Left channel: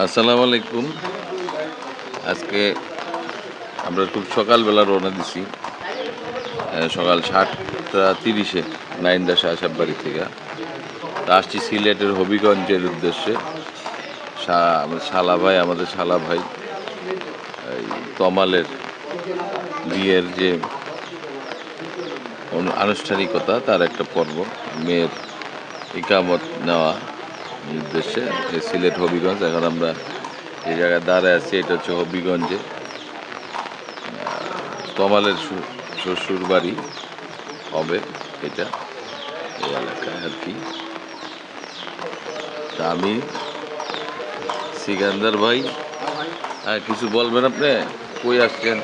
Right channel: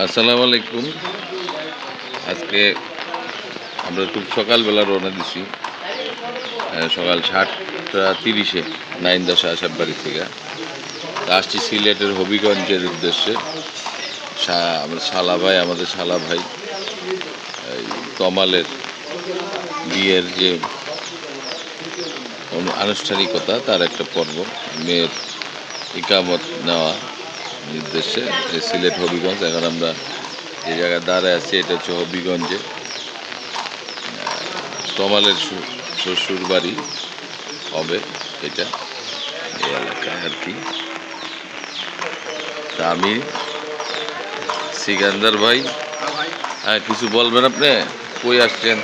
আসসালামু আলাইকুম। আজকে আমরা খুব সকালবেলা রওনা দিছি সকাল সাতটা তিরিশে নাইন্দা শাহসাব বাড়ি থেকে। তা আসছি সিলেটের হবিগঞ্জের উদ্দেশ্যে। আমাদের শালা ভাই, আমাদের শালা ভাই তমালের বিয়ের যে আনুষ্ঠানিকতা, তার একটা পর্ব, মেয়ের ইকামত নেওয়া। উদ্দেশ্যে সিলেট হবিগঞ্জ, এখন আমরা যে জায়গায় দাঁড়ায় আছি, এটা হচ্ছে হবিগঞ্জে। তমালের শ্বশুর বাড়ি হবে এটা, এই এলাকায় আর কি। তা আমি সিকান্দার ভাই হ্যাঁ কিছু বলবেন আপনি? কই আসছেন?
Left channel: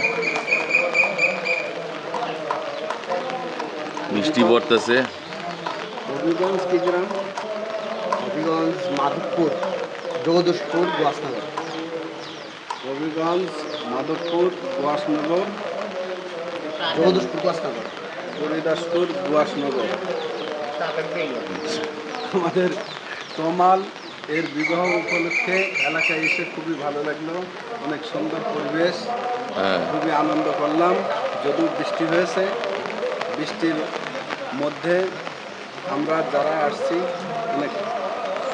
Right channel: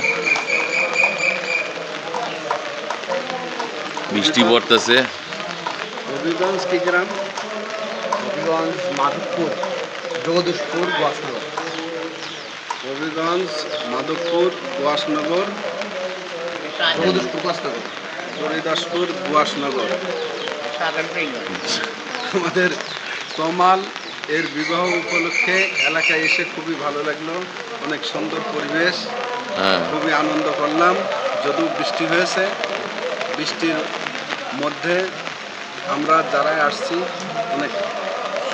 মিষ্টি পড়তেছে। হবিগঞ্জ কি গ্রাম? হবিগঞ্জ মাধবপুর জগদীশপুর গোয়াসনগর হবিগঞ্জ মাধবপুর গোয়াসনগর জগদীশপুর গোয়াসনগর হরিদাসপুর গোয়াসনগর আমাদের তমাল এর বিবাহ উপলক্ষে এলাকায় এসে খুবই ভালো লাগল। অনেক সুন্দর পরিবেশ। হ্যাঁ। খুবই আনন্দ করলাম। যদিও বৃষ্টি হয়েছে বৃষ্টির মধ্যে আমরা যারা আসছি অনেক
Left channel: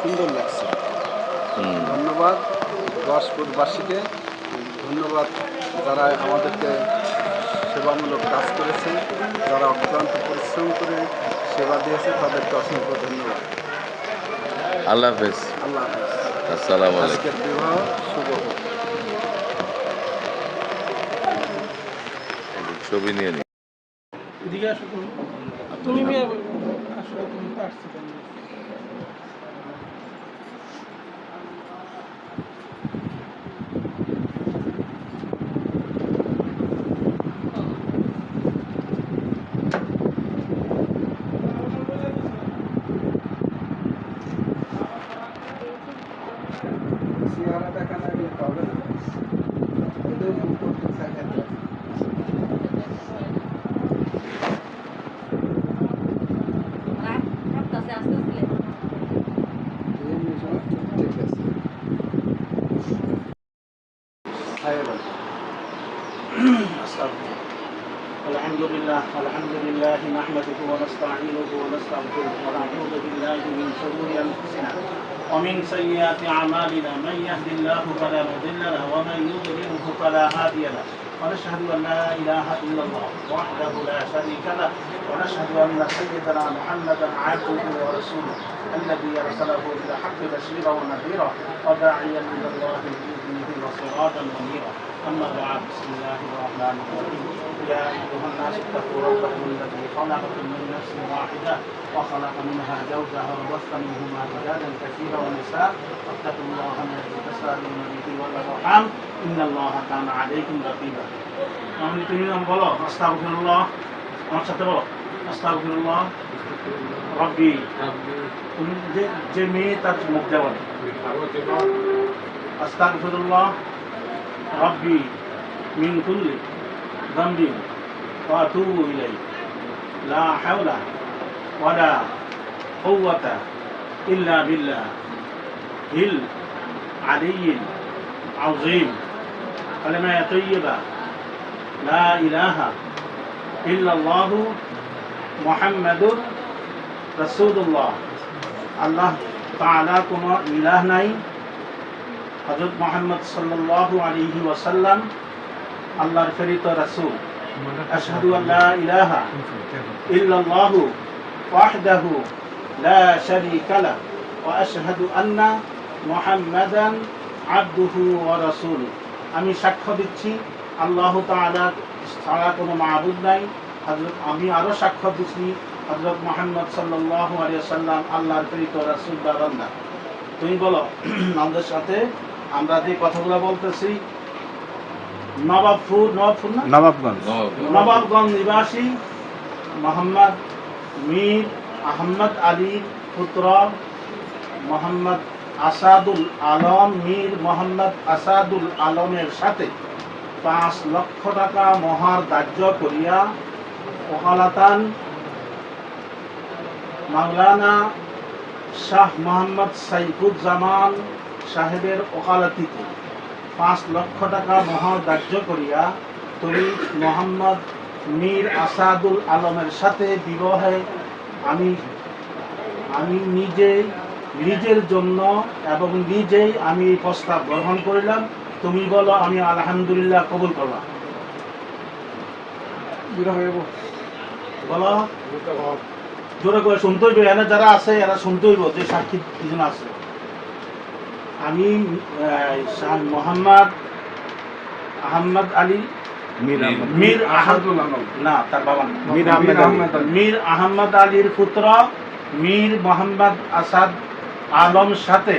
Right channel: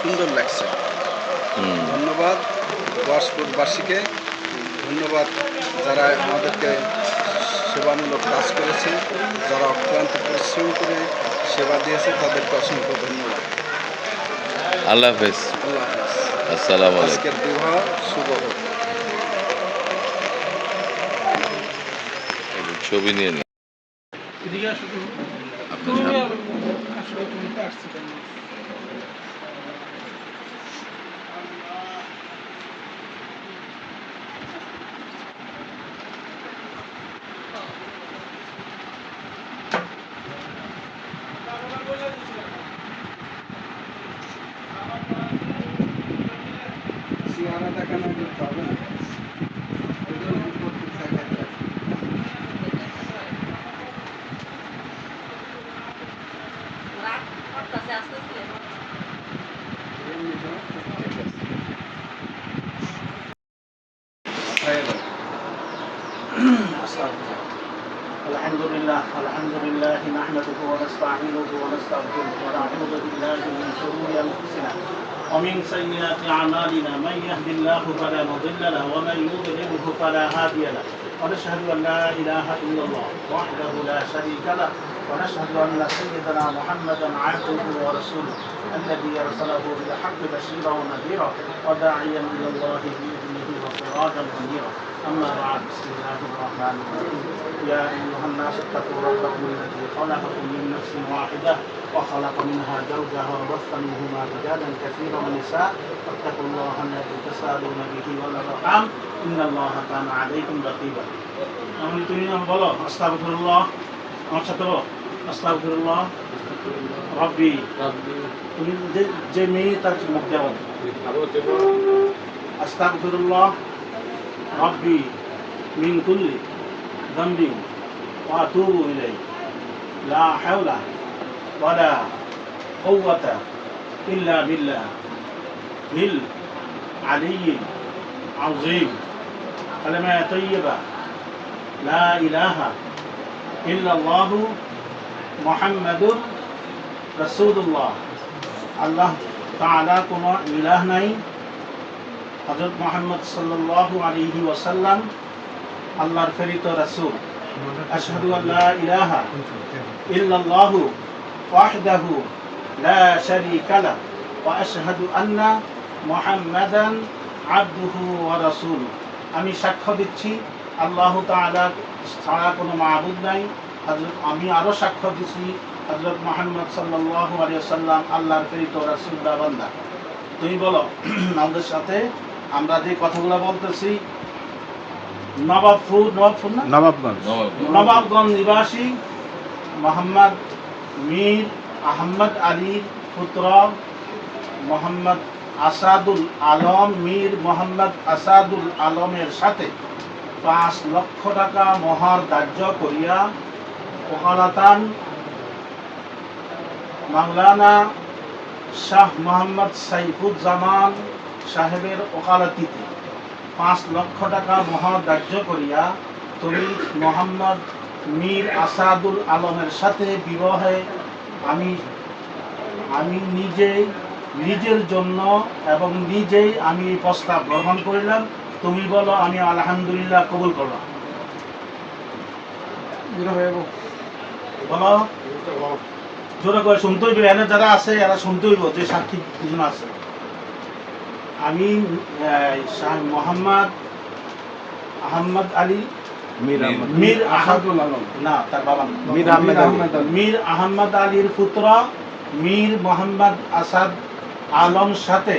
সুন্দর লাগছে। ধন্যবাদ দশপুরবাসীকে ধন্যবাদ যারা আমাদেরকে সেবামূলক কাজ করেছে যারা অক্লান্ত পরিশ্রম করে সেবা দিয়েছে তাদেরকে অসংখ্য ধন্যবাদ। আল্লাহ হাফেজ। আল্লাহ হাফেজ। আসসালামু আলাইকুম। আজকের বিবাহ শুভ হোক। ছবি নিয়ে নিন এদিকে আসো তুমি। আপনি তুমি সামনে। আসলে আসছো। الحمد لله نحمده ونستعينه ونستغفره ونعوذ بالله من شرور أنفسنا ومن سيئات أعمالنا من يهد الله فلا مضل له ومن يضلله فلا هادي له ونشهد أن لا إله إلا الله وحده لا شريك له ونشهد أن سيدنا محمدا عبده ورسوله الذي أرسله بالحق بشيرا ونذيرا وداعيا إلى الله باذنه وسراجا منيرا اما بعد بسم الله الرحمن الرحيم يا ايها الناس اتقوا ربكم الذي خلقكم من نفس واحده وخلق منها زوجها وبث منهما رجالا كثيرا ونساء واتقوا الله الذي تسالون به والارحام ان الله كان عليكم رقيبا আমি তুমি নাম বলো আস্তাগফিরুল্লাহ আমার সাথে বলো আস্তাগফিরুল্লাহ রব্বি তুমি যে যে মেয়ে তার মুখ দেওয়া আস্তাকফিরুল্লাহ রব্বি মিন কুল্লি ذنبي وأتوب إليه لا حول ولا قوة إلا بالله العلي العظيم كلمة طيبة لا إله إلا الله محمد رسول الله আল্লাহ তালা কোনো ইলাহ নাই হযরত মুহাম্মদ সাল্লাল্লাহু আলাইহি ওয়াসাল্লাম, আল্লাহর প্রেরিত রাসূল। আশহাদু আল্লা ইলাহা ইল্লাল্লাহু ওয়াহদাহু লা শারীকা লা ওয়া আশহাদু আন্না মুহাম্মাদান আবদুহু ওয়া রাসূলুহু। আমি সাক্ষ্য দিচ্ছি, আল্লাহ তাআলা ছাড়া কোনো মাবুদ নাই। হযরত আমি আরও সাক্ষ্য দিচ্ছি, হযরত মুহাম্মদ সাল্লাল্লাহু আলাইহি ওয়াসাল্লাম, আল্লাহর প্রেরিত রাসূল বা বান্দা। তুমি বলো, আমাদের সাথে আমরা যে কথাগুলো বলতেছি নবাবপুর নবাবপুর না? নবাবগঞ্জ। নবাবগঞ্জ নিবাসী মোহাম্মদ মীর আহমদ আলীর পুত্র মোহাম্মদ আসাদুল আলম মীর মোহাম্মদ আসাদুল আলমের সাথে পাঁচ লক্ষ টাকা মহার ধার্য করিয়া ওকালাতান মাওলানা শাহ মোহাম্মদ সাইফুজ্জামান সাহেবের ওকালতিতে পাঁচ লক্ষ টাকা মহর ধার্য করিয়া তুমি মোহাম্মদ মীর আসাদুল আলমের সাথে বিবাহে আমি আমি নিজেই নিজের জন্য এবং নিজেই আমি এই প্রস্তাব গ্রহণ করিলাম। তুমি বলো আমি আলহামদুলিল্লাহ কবুল করলাম। বলো। জোরে করে শুনতে হইব এখানে যারা আছে এরা শুনতে হইব যে সাক্ষী দুজন আছে। আমি শাহ মোহাম্মদ আহমদ আলী মীর না তার নাম। মীর আহমেদ মীর আহমদ আলীর পুত্র মীর মোহাম্মদ আসাদ আলম সাথে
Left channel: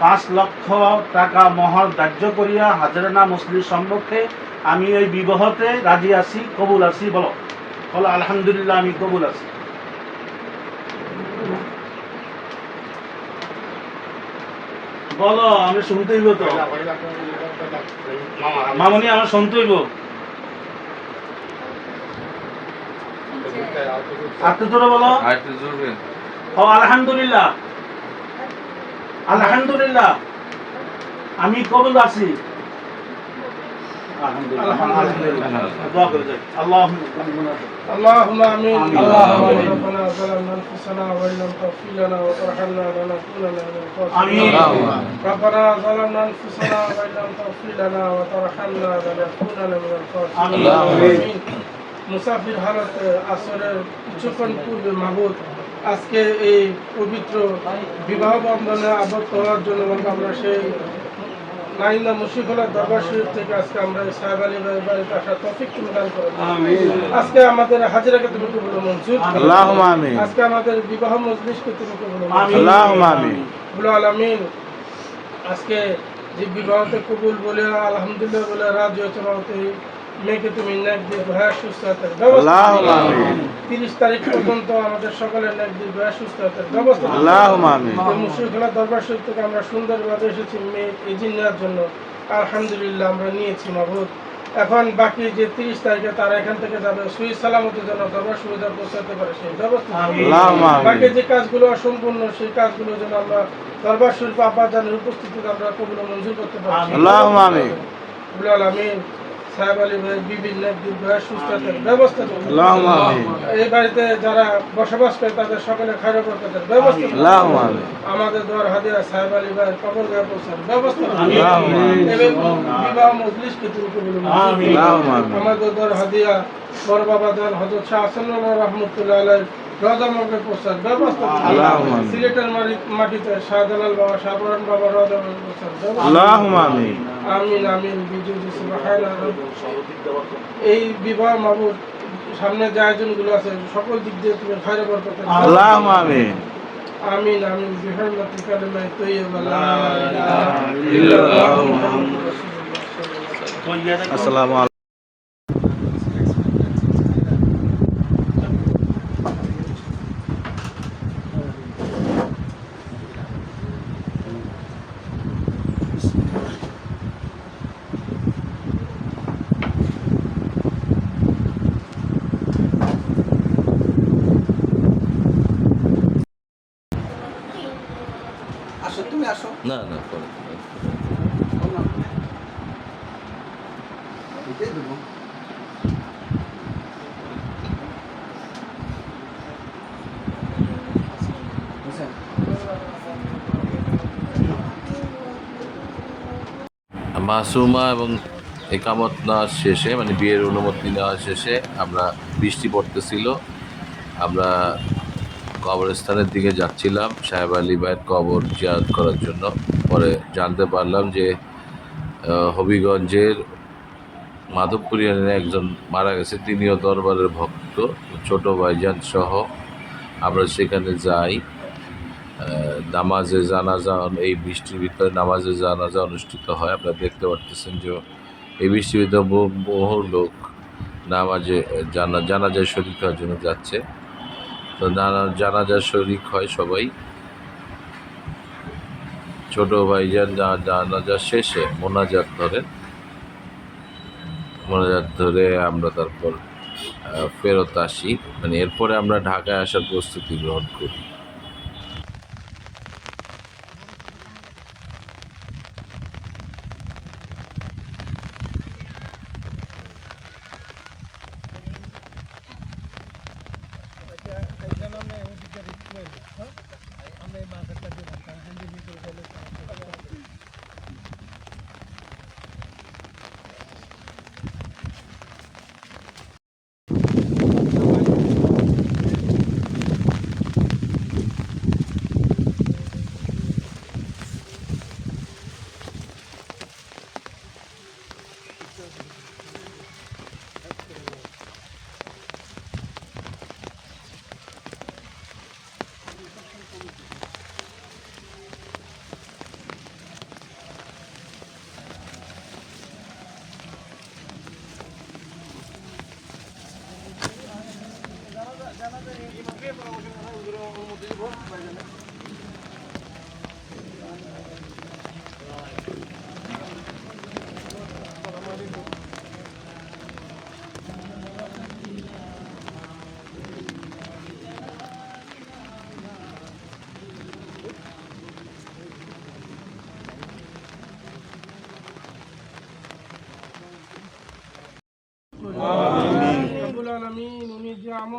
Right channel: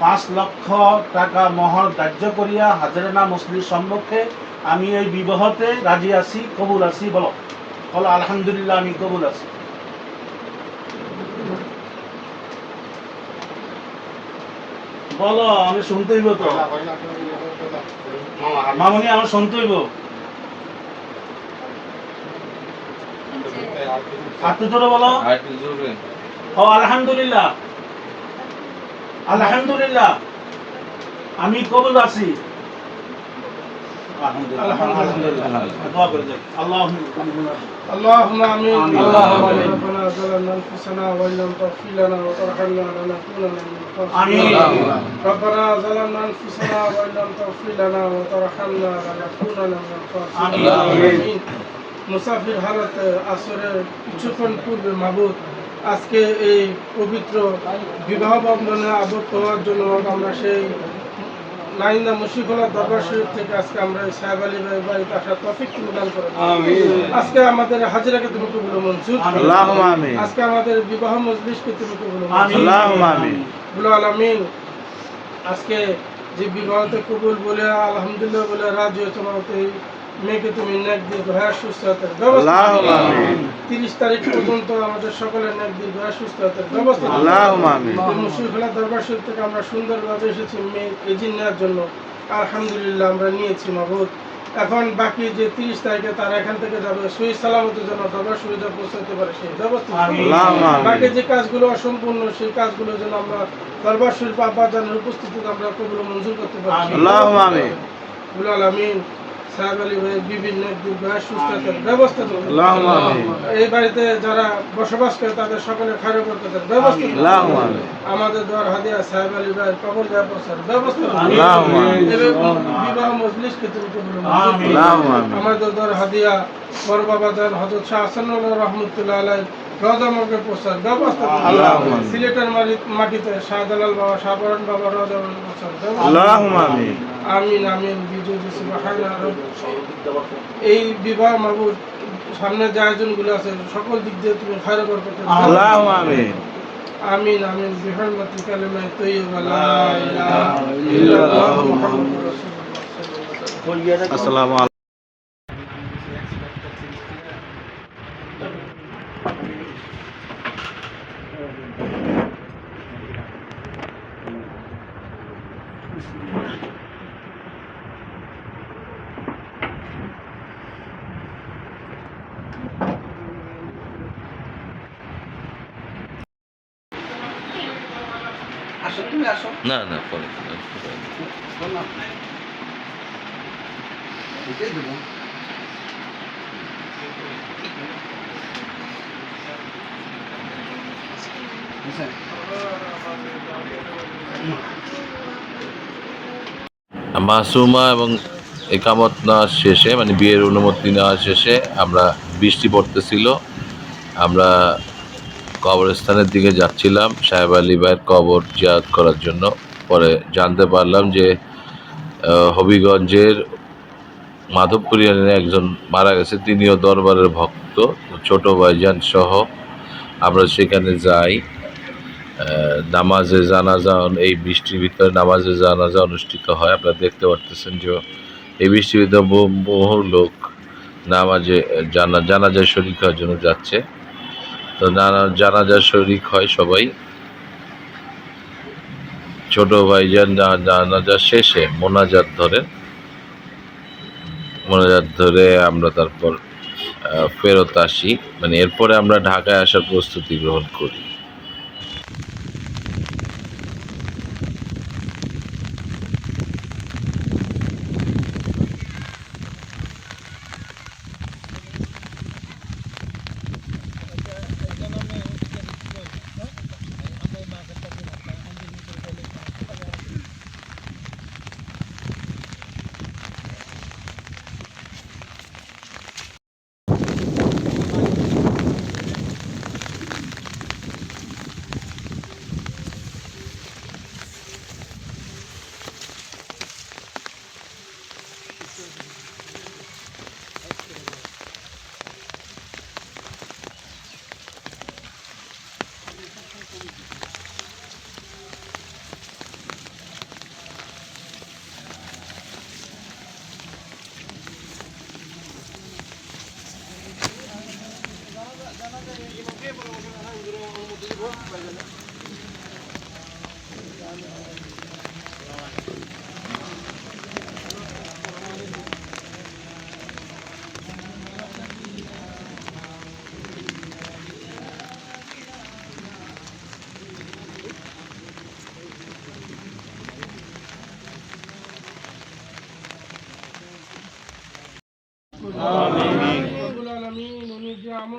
পাঁচ লক্ষ টাকা মহর ধার্য করিয়া হাজরানা মুসলির সম্মুখে আমি ওই বিবাহতে রাজি আছি কবুল আছি বলো। বলো আলহামদুলিল্লাহ আমি কবুল আছি। বলো আমি শুনতে হইব তো। মামনি আমার শুনতে হইব। আর জোরে বলো। ও আলহামদুলিল্লাহ। আলহামদুলিল্লাহ। আমি কবুল আছি আলহামদুলিল্লাহ আলহামদুলিল্লাহ দোয়া করে যাই আল্লাহুম্মা اللهم امين آمين. اللهم آمين. ربنا ظلمنا انفسنا وان لم تغفر لنا وترحمنا لنكونن من آمين. الخاسرين ربنا ظلمنا انفسنا وان لم تغفر لنا وترحمنا لنكونن من الخاسرين آمين. آمين. মুসাফির হালতে আসরের কিছুক্ষণ পূর্বে মাহবুদ আজকে এই পবিত্র বিবাহ বন্ধনে আবদ্ধ হওয়ার জন্য আমরা সেই নাইন্দা মুশিকুলার দরবার শরীফ থেকে আজকে আমরা সাহেব আলী ভাইয়ের বাড়িতে আসার তফিক প্রদান দান করো আজকে আমাদের হাজিরাকে তুমি কবুল মঞ্জুর। আজকে আমাদের বিবাহ মজলিসকে তুমি কবুল মঞ্জুর আলামিন। আজকে যে বিবাহতে কবুল বলে আলহামদুলিল্লাহ বলে রাজি হয়েছে মেয়েকে তুমি নেক দিয়ে দোয়া সুস্থতার আমিন। তিরিশ তারিখ পর্যন্ত আমাদের সকলের নেক দিয়ে দোয়া সুস্থতার ব্যবস্থা। এই দরবার শরীফ থেকে আমরা সুন্দরভাবে এসেছি মেয়ে নেওয়ার জন্য। আলহামদুলিল্লাহ আমরা নিয়েছি এখন বাকি যে তিরিশ তারিখে তারা এখান থেকে যাবে সহি সালামতের জন্য দরবার সুবিধা পৌঁছাতে পারে সেই ব্যবস্থা। বাকি যে কাজগুলো অসম্পূর্ণ সেই কাজগুলো যেন আমরা দরবার শরীফ আব্বাজানের উপস্থিতিতে আমরা কবুল মঞ্জুর করতে পারি। আমিন। বিভিন্ন সুস্থতার ব্যবস্থা। এই বাড়িতে যারা বসবাস করে তাদের সকলে ব্যবস্থা। আমাদের দোয়ার হাদিয়া সাহেব আলী ভাইয়ের কবর ব্যবস্থা বিবাহ মজলিসকে তুমি কবুল। আমাদের দোয়ার হাদিয়া বড় বাবা জান হজরত শাহ রহমতুল্লাহ আলাই রজা মগে ব্যবস্থা সিলেটের মাটিতে শাহজালাল বাবা শাহবরণ বাবা আমিন। আমিন আমিন বিজয় সুবহানাল্লাহ। এই বিবাহ মাহবুব সামনে যে আয়োজনগুলো আছে সকল দিক দিয়ে তুমি আমিন। আমিন আমিন বিহরমতি কালিমায়ে তাইয়্যিবা লা ইলাহা ইল্লাল্লাহ মুহাম্মাদুর রাসূলুল্লাহ। আসসালামু না না পরে মাসুমা এবং একামত নেওয়ার শেষে মানে বিয়ের অনুমতি নেওয়ার শেষে আমরা বৃষ্টি পড়তেছিল। আমরা কবরস্থানের দিকে যাচ্ছিলাম। সাহেব আলী ভাইয়ের কবর জিয়ারত করার জন্য। পরে জানতে পারলাম যে হবিগঞ্জের মাধবপুর ইউনিয়নে একজন মারা গেছে। তিনিও দরবারের ভক্ত, ছোট ভাইজান সহ। আমরা সেখানে যাই। নামাজে জানাজা, এই বৃষ্টির ভিতরে নামাজে জানাজা অনুষ্ঠিত হয়। আপনারা দেখতে পারতেছেন যে, এই বৃষ্টির ভিতরে বহু লোক নামাজে, জানা, জানাজায় শরিক হওয়ার জন্য যাচ্ছে। তো নানা জানাজা শরিক হয় সবাই। ছোট জানা যা শেষে মোনাজাত ধরেন। মোনাজাত ধরে আমরা তারপর ফেরত আসি। মানে এরপরে আমরা ঢাকায় আসার প্রস্তুতি গ্রহণ করি।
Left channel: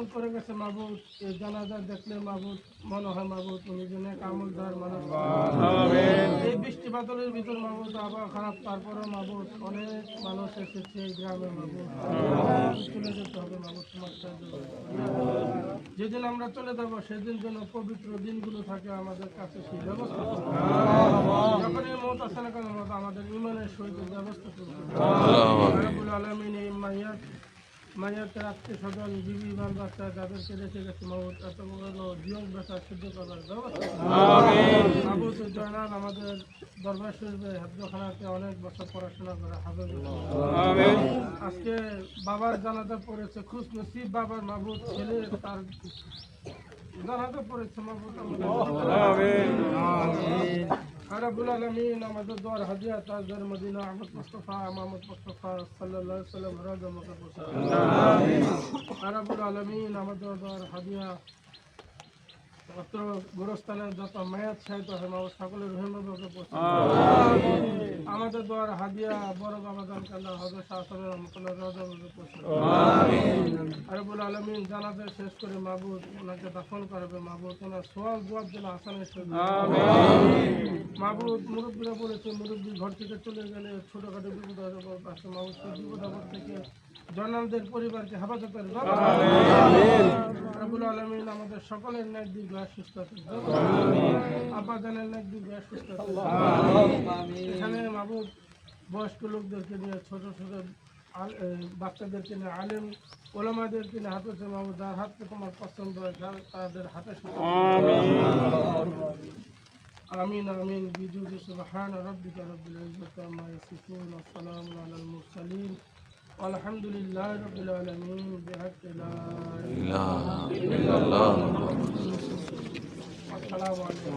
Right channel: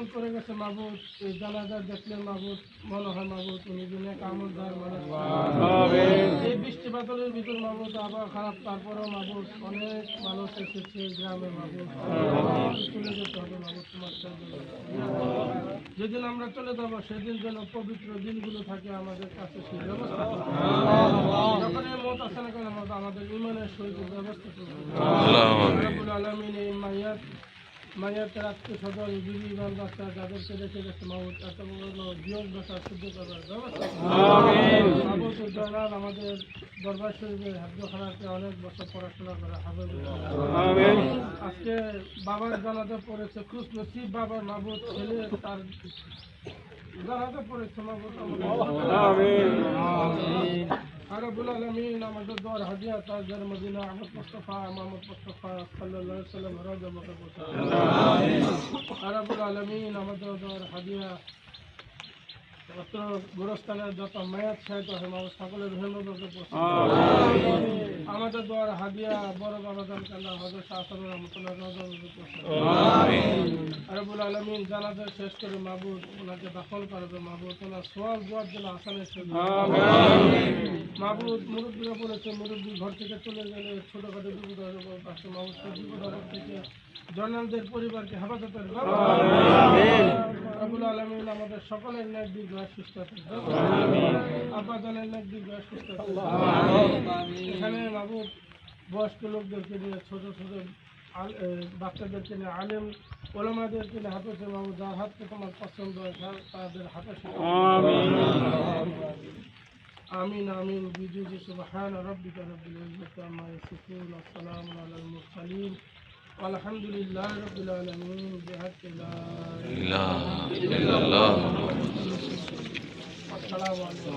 আমল করে গেছে মাবুদ এই জানাজা দেখলে মাবুদ মনে হয় মাবুদ উনি যে নেক আমলদার মানুষ। এই বৃষ্টি বাদলের ভিতর মাবুদ আবহাওয়া খারাপ তারপরেও মাবুদ অনেক মানুষ এসেছে গ্রামে মাবুদ। চলে যেতে হবে মাবুদ তোমার যেদিন আমরা চলে যাব সেদিন যেন পবিত্র দিনগুলো থাকে আমাদের কাছে সেই ব্যবস্থা যখন এই মত আসে না কেন মাবুদ, আমাদের ইমানের সহিত ব্যবস্থা করব আলমিন এই মাইয়াত মাইয়াতের আত্মীয় স্বজন বিবি বাল বাচ্চা যাদেরকে রেখে গেছে মাহবুদ এত বড় বিয়োগ ব্যথা শুদ্ধ করার ব্যবস্থা। আমাদের দরবার শরীফে হাজখানাতে অনেক বছর পড়াশোনা করে হাফেজ আজকে বাবার জানাজা পড়েছে খুশ নসিব বাবার মাহবুদ ছেলে তার জানাজা পড়েছে মাহবুদ আরবুল আলমিন আমাদের দর হাজিয়া তাজদার Madina Ahmad Mustafa Muhammad Mustafa আলাইহি সাল্লাম রাজা মকে পৌঁছায় আরবুল আলমিন আমাদের দর হাজিয়া অত্র গুরস্থানের যত মায়াত সাহিত্য হেমাবত সকলের আমাদের দর হাদিয়া বড় বাবা দান কাল্লা হজর শাহসান রহমতুল্লাহ রাজা মকে পৌঁছায় আরবুল আলমিন জানাজা শেষ করে মাহবুদ ওনাকে দাফন করবে। মাহবুদ ওনার সোয়াল জবাব যেন আসানের সাথে মাহবুদ মুরব্বীরা বলেছে মুরব্বী ঘর থেকে চলে গেলে ছোটখাটো বিপদ আসে মাহবুদ সেই বিপদ আপদ থেকে জনালদের পরিবারকে হেফাজতের আবুল আলমিন আমাদের সকলের ন্যাক দীর্ঘ সুস্থ থাকবে আব্বা জানের ন্যাক দীর্ঘ সুস্থ এখানে মাহবুদ বয়স্ক লোকদেরকে নিয়ে ছোট ছোট আল- এ, বাচ্চাদেরকে নিয়ে আলেম ওলামাদেরকে নিয়ে হাতে মাহবুদ যার হাতকে তোমার পছন্দ হয় তার- তাদের হাতে শিখা آمين آمين بجود سبحان ربك رب العزة عما يصفون والسلام على المرسلين والحمد لله رب العالمين بحق لا إله السلام عليكم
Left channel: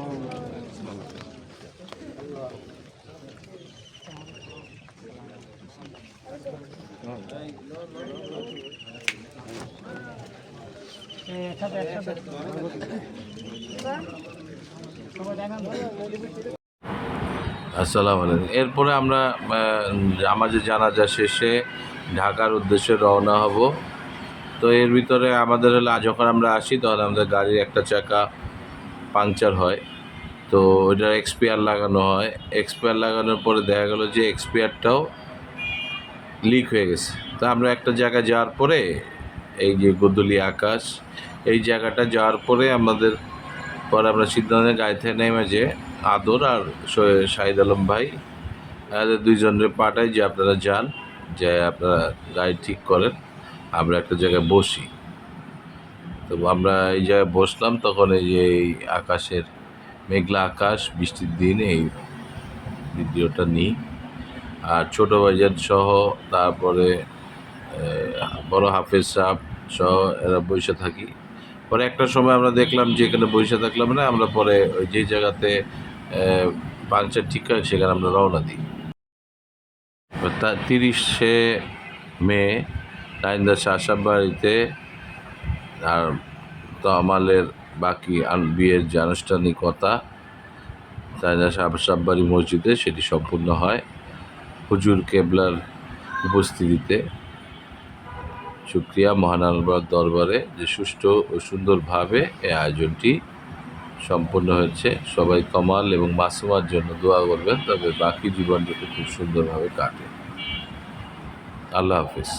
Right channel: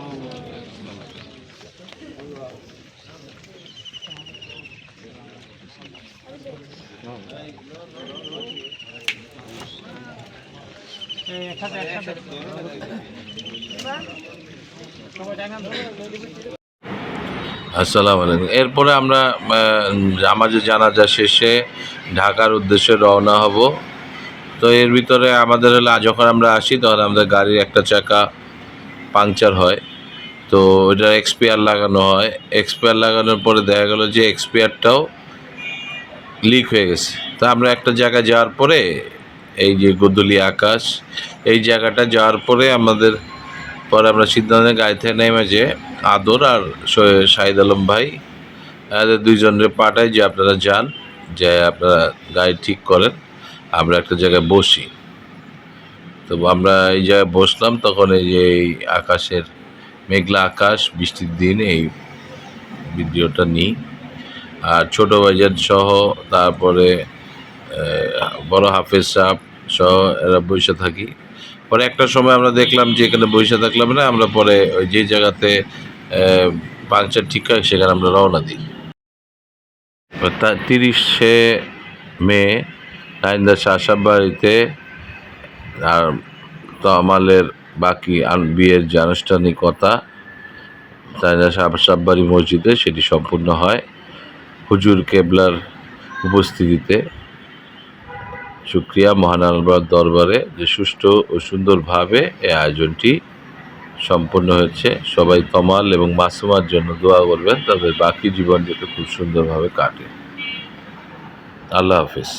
আসসালামু আলাইকুম। এরপরে আমরা আমাদের জানাজা শেষে ঢাকার উদ্দেশ্যে রওনা হব। তো এর ভিতরে আমাদের হলে, যখন আমরা আসি, তখন আমাদের গাড়ির একটা চাকা পাংচার হয়। তো ওইটা এক্সপিয়ার লাগানো হয়। এক্সপায়ার লাগানোর পরে দেখা গেল যে এক্সপিয়ারটাও লিক হয়ে গেছে। তা আমরা একটা জায়গায় যাওয়ার পরে, এই যে গোদলি আকাশ, এই জায়গাটা যাওয়ার পরে আমাদের, পরে আমরা সিদ্ধান্ত গাড়ি থেকে নেমে যে আদর আর শাহিদ আলম ভাই এদের দুইজনের পাঠাই যে আপনারা যান, যে আপনারা গাড়ি ঠিক করেন, আমরা একটা জায়গায় বসি। তো আমরা এই জায়গায় বসলাম, তখন এই যে এই আকাশের মেঘলা আকাশ, বৃষ্টির দিন, এই ভিডিওটা নিই। আর ছোট বাজার সহ তারপরে বড় হাফেজ সাহ সহ এরা বসে থাকি। পরে একটা সময় আমরা দেখলাম যে এখানে বসে থাকলাম না, আমরা পরে ওই যে জায়গাতে পাংচার ঠিক হয় সেখানে আমরা রওনা দিই। তা তিরিশে মে নাইন্দা শাসাব বাড়িতে, আর তমালের বাকি আন- বিয়ের যে আনুষ্ঠানিকতা তাইন্দা শাসাব বাড়ি মসজিদে সেটি সম্পূর্ণ হয়। হুজুর কেবলার উপস্থিতিতে শুক্রিয়া মহান দরবারে যে সুষ্ঠু ও সুন্দরভাবে এই আয়োজনটি সম্পন্ন হয়েছে। সবাই কমাল এবং মাসুমার জন্য দোয়া করবেন, তাদের বাকি জীবন যাতে খুব সুন্দরভাবে কাটে। আল্লাহ হাফিজ।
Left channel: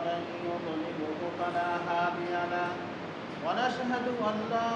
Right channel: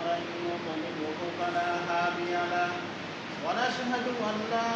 ومن يضلله فلا هادي له ونشهد أن لا